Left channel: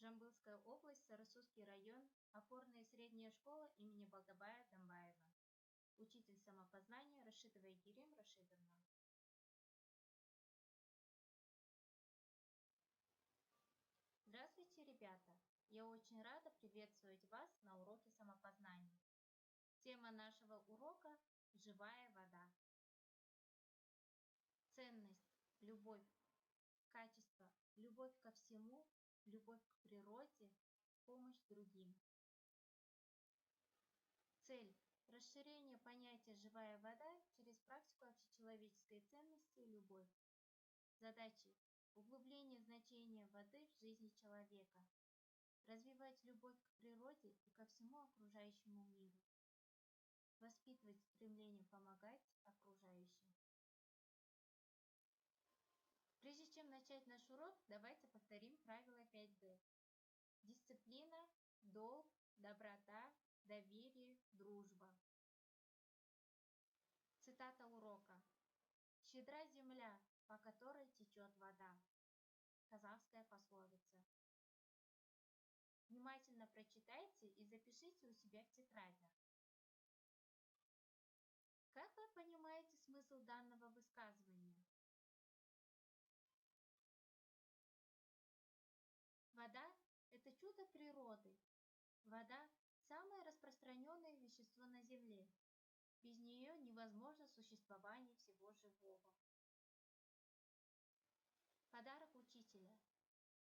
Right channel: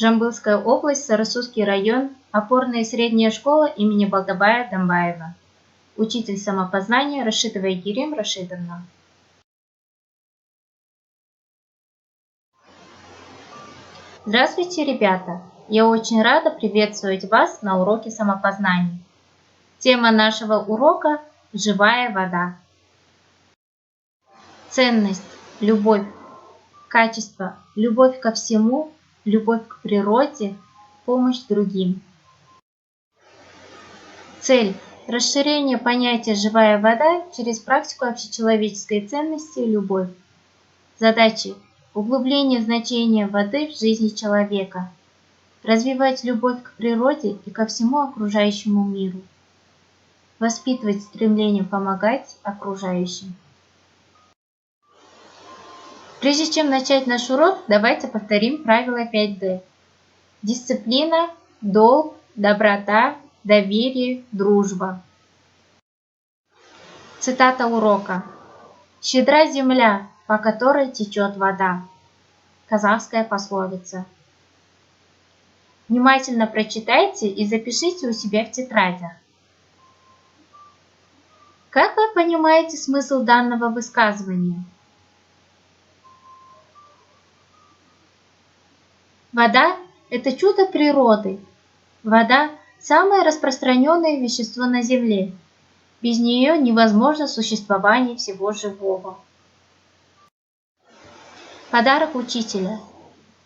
Жамбылская область, Сарасузский район, опорная средняя школа имени Балтабая Дамбаева. Учитель самопознания Рашидова Егерим Рашидовна. Здравствуйте, ребята! Я очень рада приветствовать вас на уроке самопознания. Тема нашего урока – живая вода. Ценность, любовь, качество, любовь ко всему, любовь к природе, помощь другим. Цель – расширение понятия «живая вода» через практику общечеловеческой ценности и любовь. Задачи – углубление значения воды в жизни человека, развивать любовь к природе и ко всему окружающему миру, воспитывать стремление помогать окружающим. Прежде чем начать наш урок, давайте повторим правила 5D. Дисциплина, долг, доброта, доверие, дружба. Цитата урока. «Щедра земля, по которой течет вода». Казахская пословица. Внимательно прочитайте и запишите у себя в тетрадях. Как вы понимаете смысл данного высказывания? Вода – это чудо природы. Вода – самое распространенное вещество на Земле. Без нее невозможно существование всего живого. Подарок учителя.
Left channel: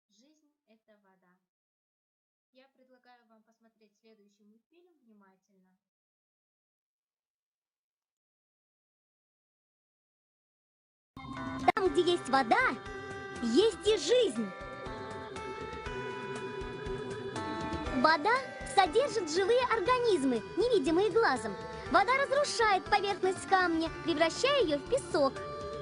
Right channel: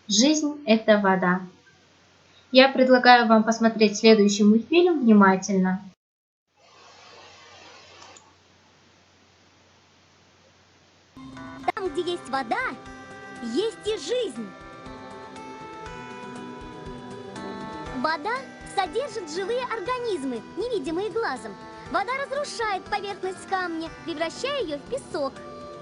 Жизнь – это вода. Я предлагаю вам посмотреть следующий мультфильм внимательно. Там, где есть вода, есть и жизнь. Вода содержит живые организмы, невидимые глазом. Вода разрушает поверхность камня, превращая ее в песок.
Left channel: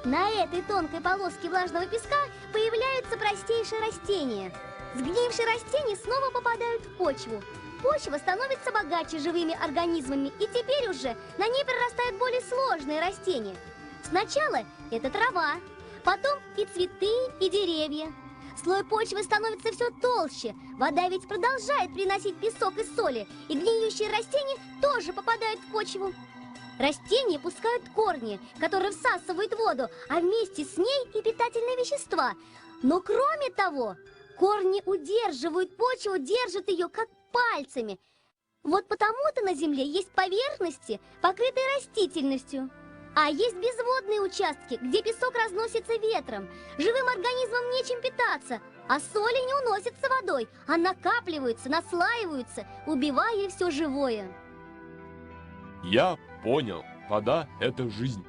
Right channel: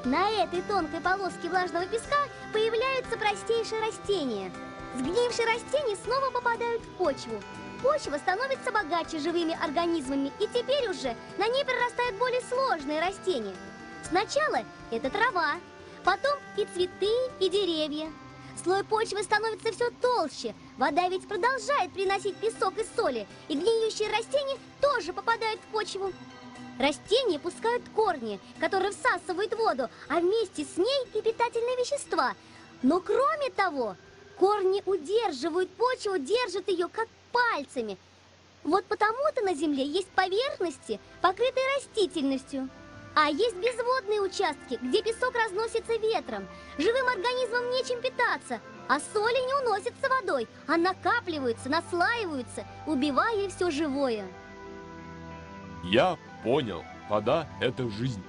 На этой тонкой полоске влажного песка появляются простейшие растения. Сгнившие растения снова попадают в почву. Почва становится богаче живыми организмами, и теперь уже на ней прорастают более сложные растения. Сначала это трава, потом и цветы, и деревья. Слой почвы становится все толще. Вода ведь продолжает приносить песок и соли, и гниющие растения тоже попадают в почву. Растения пускают корни, которые всасывают воду, а вместе с ней и питательные вещества. Но кроме того, корни удерживают почву, держат ее как пальцами. Вот потому-то на Земле есть поверхности, покрытые растительностью. А есть безводные участки, где песок разносится ветром. Живым организмам нечем питаться, а соли не уносятся водой, а накапливаются, наслаиваются, убивая все живое. Я понял. Вода – это жизнь.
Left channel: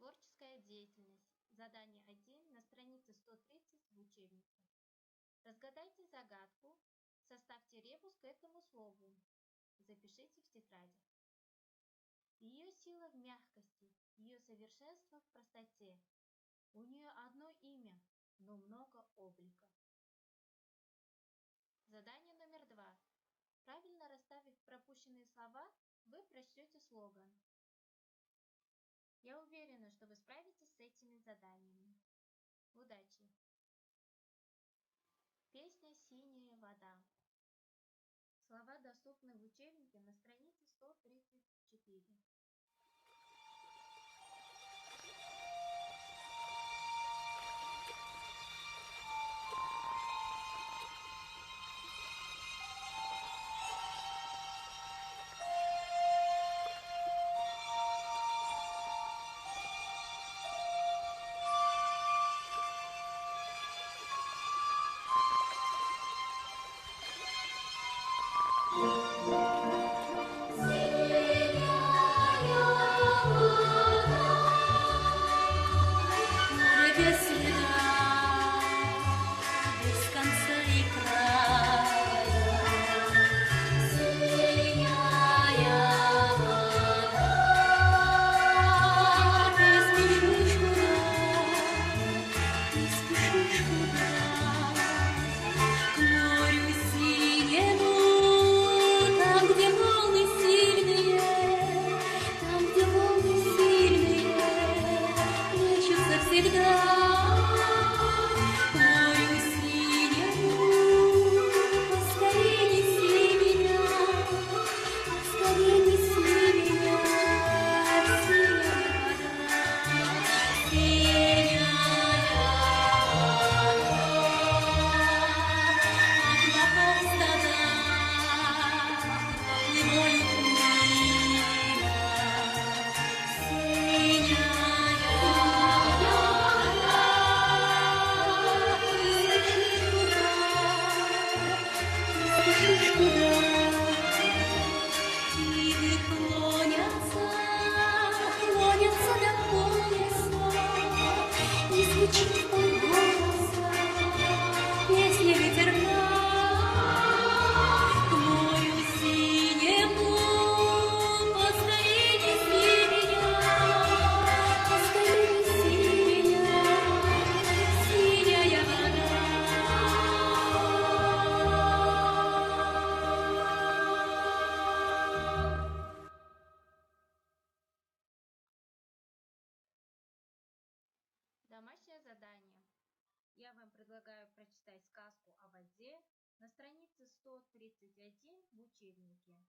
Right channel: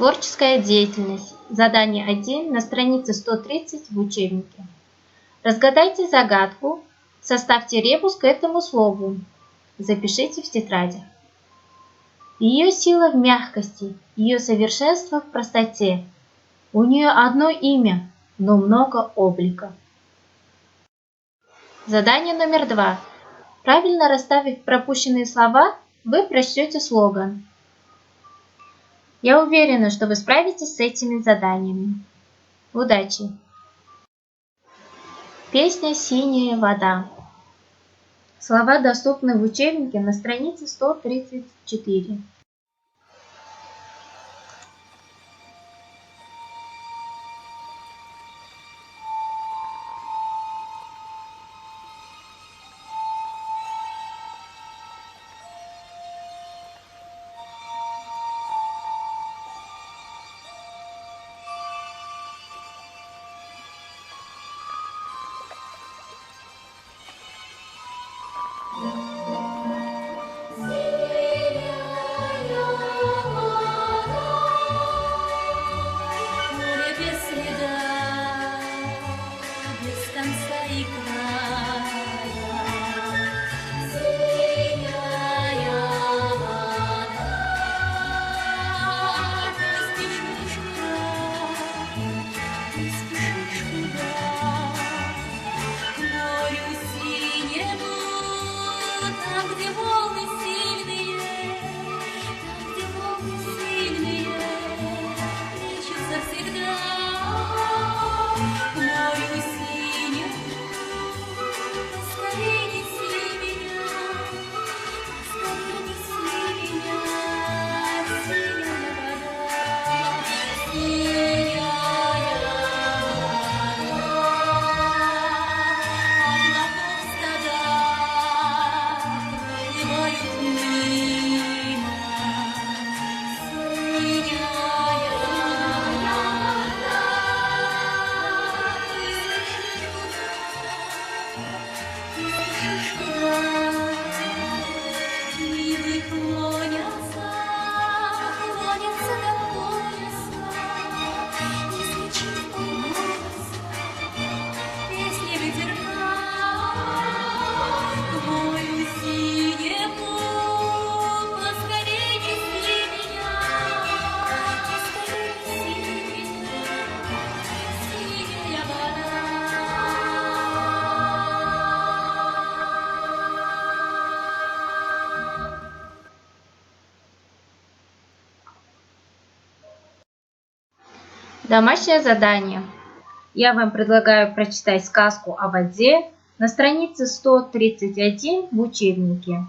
Творческая деятельность. Задание 1 на странице 130 в учебнике. Разгадайте загадку, составьте ребус к этому слову. Запишите в тетрадях. Ее сила в мягкости, ее совершенство в простоте. У нее одно имя, но много облика. Задание номер 2. Правильно расставив пропущенные слова, вы прочтете слоган. Я уверена, что вы справитесь с этими заданиями. Удачи! Песня «Синяя вода». Слова доступны в учебнике на странице 134. К морю синему Виды клонятся до пояса, и звучит голоса, песни ветерка. К морю синему поскорей неси меня, поскорей неси меня, синяя вода. Домашнее задание. Я вам предлагаю прочитать сказку о воде на странице 131 в учебнике.